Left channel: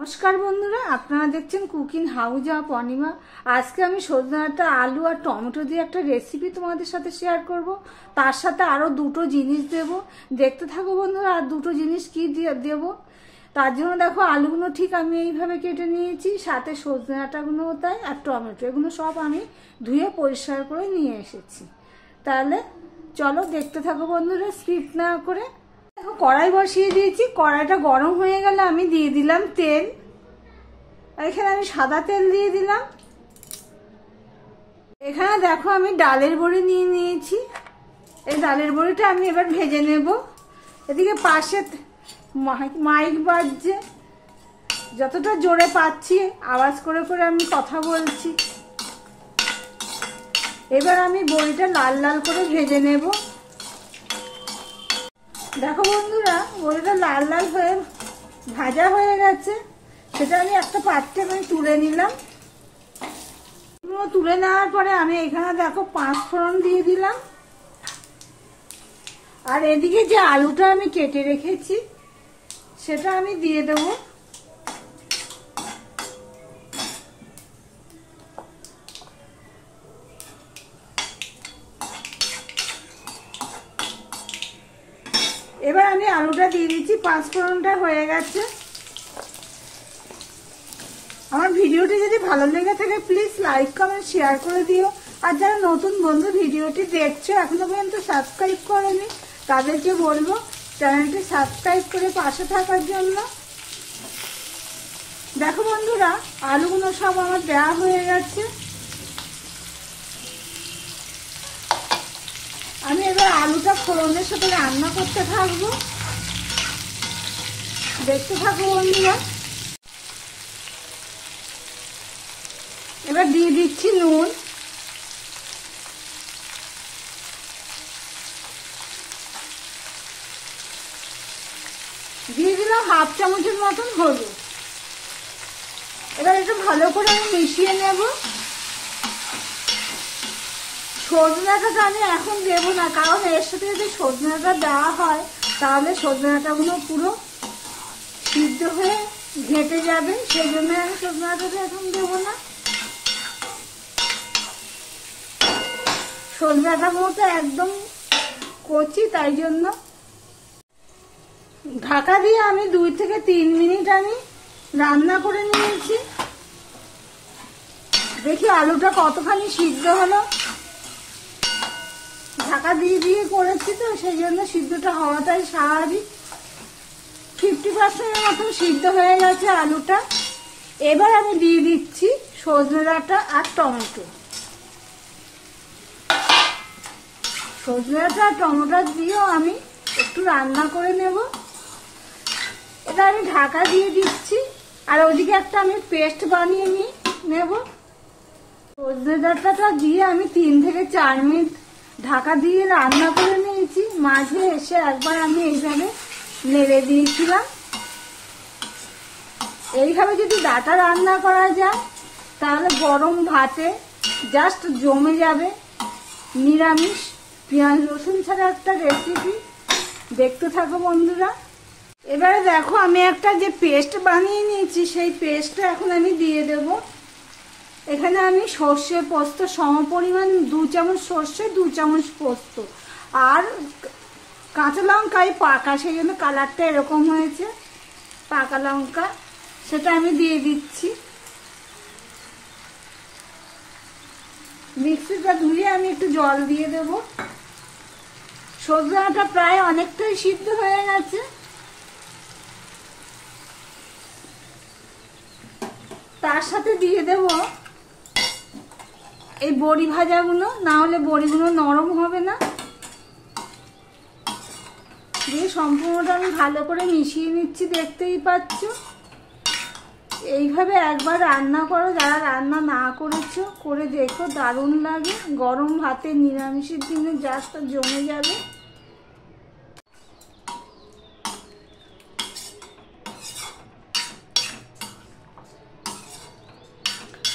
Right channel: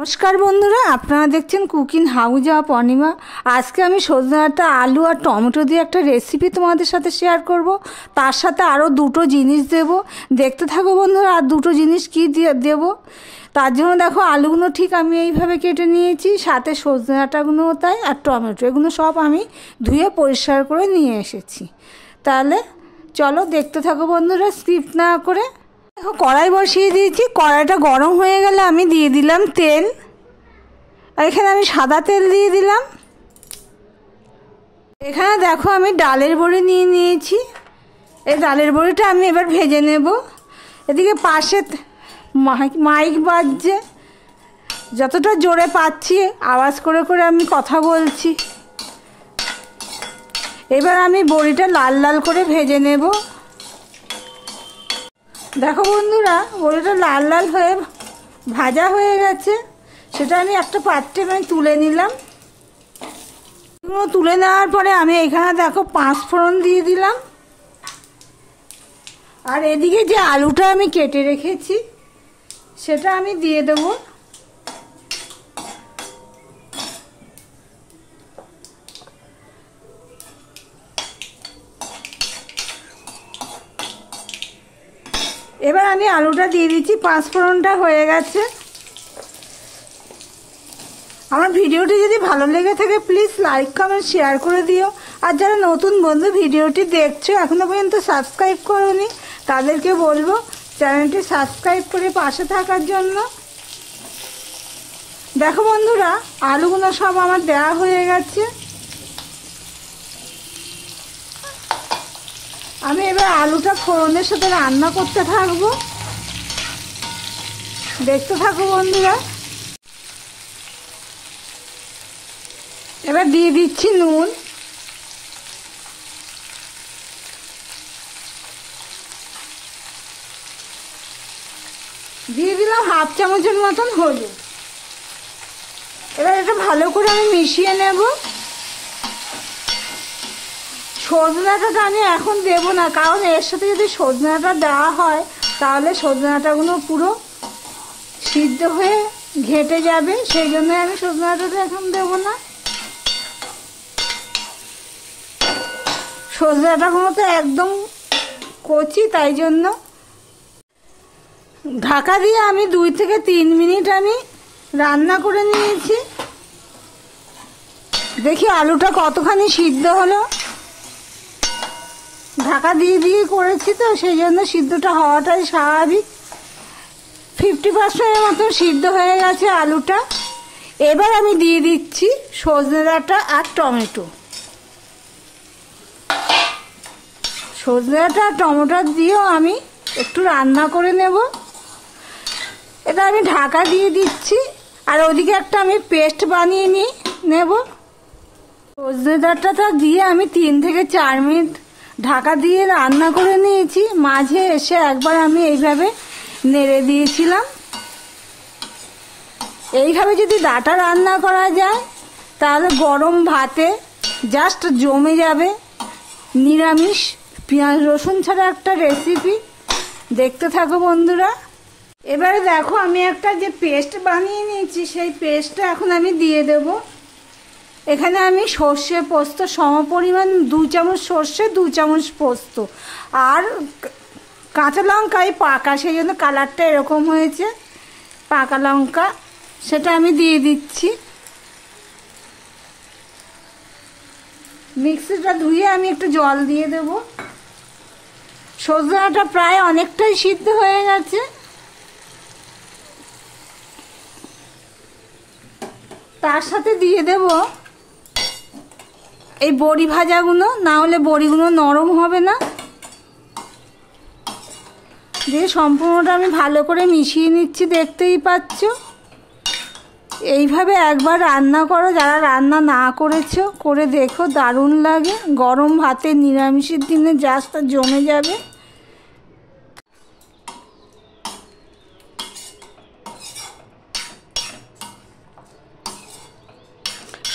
नमस्कार बंधुरा आपनारा देखছেন कुकिंग हाउस ऑफ अनिमा। आज के आमी सजने डाँटा आलू और टमेटो दिए एक रेसिपि तुम्हारे साथे शेयर करब। तार साथे आरो दुटो जिनिस देब, देखते थाको बंधुरा। और दुटो जिनिस कि देब तार जोन्नो देखो आलूगुलो ठीक आमी এইভাবে केटे निয়েছি, साथे सजने डाँटागुलो ताई और टमेटो एगुलो सब आमी धुए परिष्कार करे निये एसेছি। ताहले चलो देखते थाको बंधुरा स्किप ना करे। देखो कड़ाई बसिए दिएছি, कड़ाईटा गरम हो गेले आमी दिए दिलाम तेल। एखाने आमी सादा तेल दिए दिलाम। एखाने देखो आमी डालेर बड़ी निये निয়েছি। এই ডালের বড়িটা আমি এবার ভেজে নেব। এদিকে পাশে মাইক বাজছে, যতটা জোরে পাচ্ছি আওয়াজ করে করে আমি কথা বলছি। এবার আমি বড়িটা লাল লাল করে ভেজে নেব। देखो बंधुरा बड़िटा लाल लाल हये भाजा हो गेছে, সেটা আমি একটা পাত্রে আমি তুলে নিলাম। তুলে নেওয়ার পরে আমি এখানে দেখো 5 ফোড়ন দিয়ে দিলাম। আর এদিকে যে আলুটা আমি কেটে রেখেছি সেটা আমি দিয়ে দেব। এবার আমি আলুটা দিয়ে দিচ্ছি। 5 ফোড়নটা হয়ে গেছে। আমার ভিডিওটি যদি ভালো লেগে থাকে প্লিজ লাইক কমেন্ট শেয়ার করে দিও। আর যারা নতুন বন্ধু ভিডিওটি দেখছো এখনো পর্যন্ত সাবস্ক্রাইব করোনি তাদেরকে বলবো চ্যানেলটি সাবস্ক্রাইব করে পাশে থাকার জন্য। দেখো বন্ধুরা আলুগুলো সব আমার দেওয়া হয়ে গেছে। আমি এবার আলুটা ফোড়নের সাথে রান্না করতে থাকবো, দেখতে থাকো বন্ধুরা। এবার দিয়ে দিচ্ছি নুন, দিয়ে দিলাম হাফ চামচের মতন হলুদ। এবার এটা ভালো করে আমি মিশিয়ে নেব। সজনে ডাঁটাটা আমি এখন দেব না, কারণ এর সাথে যদি সজনে ডাঁটা দেওয়া হয় তাহলে সজনে ডাঁটাগুলো পুরো সিদ্ধ হয়ে ঘেটে যাবে, সেই জন্য আমি সজনে ডাঁটাটা এখন দেব না। সজনে ডাঁটাগুলো তো একদম কচি, তাই জন্য ঢাকা দিয়ে আমি 2 থেকে 3 মিনিট আমি রান্না করে নিয়েছি। দেখি আলুটা কতখানি সিদ্ধ হলো। ঢাকা দিয়ে দিয়ে করেছি তো সেই জন্য সিদ্ধটা হওয়াটাই স্বাভাবিক। 50% মতো সিদ্ধ হয়ে গেছে আলুটা। এবার আমি দিয়ে দিচ্ছি সজনে ডাঁটা আর টমেটো। সজনে ডাঁটা আর টমেটো দিয়েও আমি একটু রান্না করে নেব। এটা আমি ঢাকা দিয়ে দিচ্ছি। আর ওদিকে একটা আমি পেস্ট বানিয়ে নেব। সজনে ডাঁটাটা দিয়ে আমি 3 থেকে 4 মিনিট ঢাকা দিয়ে রান্না করে নিয়েছি। মাঝে এসে একবার আমি এইভাবে নেড়ে দিয়েছিলাম। এইভাবে যদি ডাঁটা রান্না করা যায় তাহলে গরম ভাতে জাস্ট জমে যাবে। নিরামিষ পেঁয়াজ রসুন ছাড়া একটা রেসিপি, দেখতে থাকো বন্ধুরা। এবারে দেখো আমি একটা যে পেস্ট বানিয়ে নিয়েছি সেই পেস্টটা এখন আমি দিয়ে দেব। এখানে আমি সর্ষে পোস্ত সমপরিমাণ 2 চামচ সর্ষে 2 চামচ পোস্ত আর কাঁচা লঙ্কায় পাকা, সেই জন্য কালারটা এরকম হয়েছে। পাকা লঙ্কা সেটা আমি দিয়ে দিচ্ছি। মিক্সিটা ধুয়ে আমি একটু জল দিয়ে দেব। সজনাটা প্রায় অনেকটাই সিদ্ধ হয়ে গেছে। তার সাথে দিয়ে দেব এই বড়ি ভাজাগুলো, না হলে বড়িগুলো নরম হবে না। দিয়ে সম্পূর্ণটা আমি ভালো করে মিশিয়ে নিচ্ছি, দেখতেই পাচ্ছ। এইভাবে একবার রান্না করো, যারা রান্না না করেছো করে দেখো, দারুণ লাগে। গরম ভাতে নিরামিষের দিনে জাস্ট জমে যাবে।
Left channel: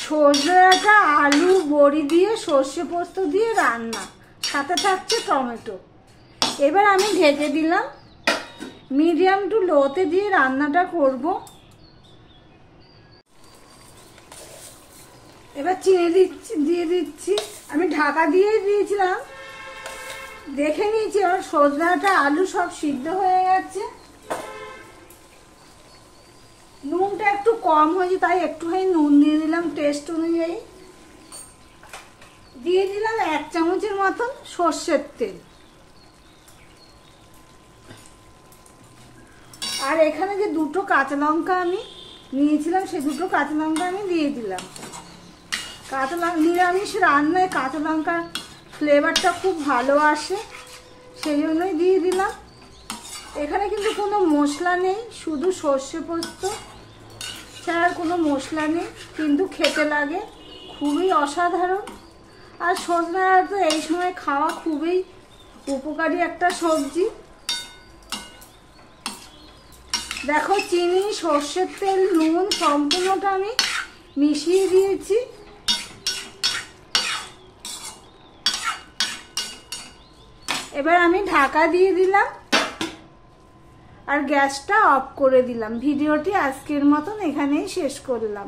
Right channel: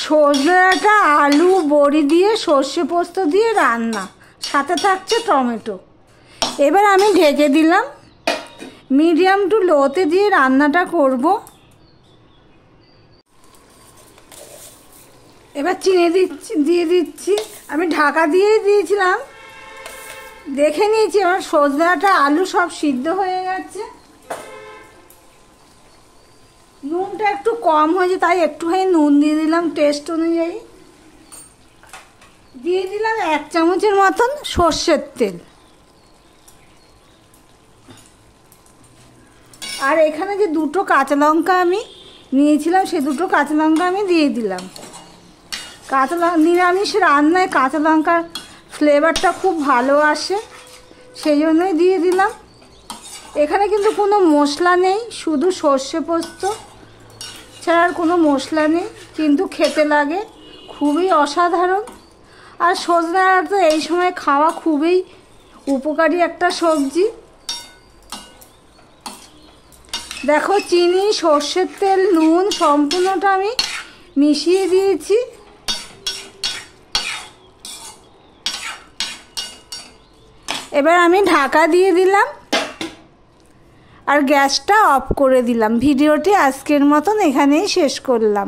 সজনে ডাঁটা আলু বড়ি দিয়ে সর্ষে পোস্ত দিয়ে রান্না, সাথে থাকছে টমেটো। এবার আমি ঢেকে দিলাম। মিডিয়াম টু লোতে দিয়ে রান্নাটা করব। এবার চিনি দিয়ে দিচ্ছি। আমি ঢাকা দিয়েই দিয়েছিলাম, দেখে নিয়েছি। আমার সজনে ডাঁটা আলু সব সিদ্ধ হয়ে গেছে। নুনটা একটু কম হয়েছে, তাই একটুখানি নুন দিয়ে দিলাম টেস্ট অনুযায়ী। দিয়ে দিলাম 1 চামচের মতন সর্ষের তেল। আর এখানে যে 2টো কাঁচা লঙ্কা আমি নিয়েছিলাম, সেই 2টো কাঁচা লঙ্কা আমি দিয়ে দিলাম। কাঁচা লঙ্কা নিরামিষ রান্নায় কাঁচা লঙ্কার ফ্লেভারটা খুব ভালো আসে, সেই জন্যই দিয়ে দিলাম। এখানে কিন্তু কোনো মশলা নেই, শুধু সর্ষে পোস্ত ছাড়া আর কোনো মশলা নেই, কিন্তু খেতে লাগে খুবই অসাধারণ। আর সজনে ডাঁটা এই সময় খাওয়া খুবই উপকারী একটা সবজি। দেখো, চিনি, সর্ষের তেল, নুন সম্পূর্ণটা আমি মিশিয়ে দিয়েছি। এবার আমি ঢাকা দিয়ে দিলাম আর গ্যাসটা অফ করে দিলাম। ভিডিওটি আজকের মতন এখানেই শেষ করলাম।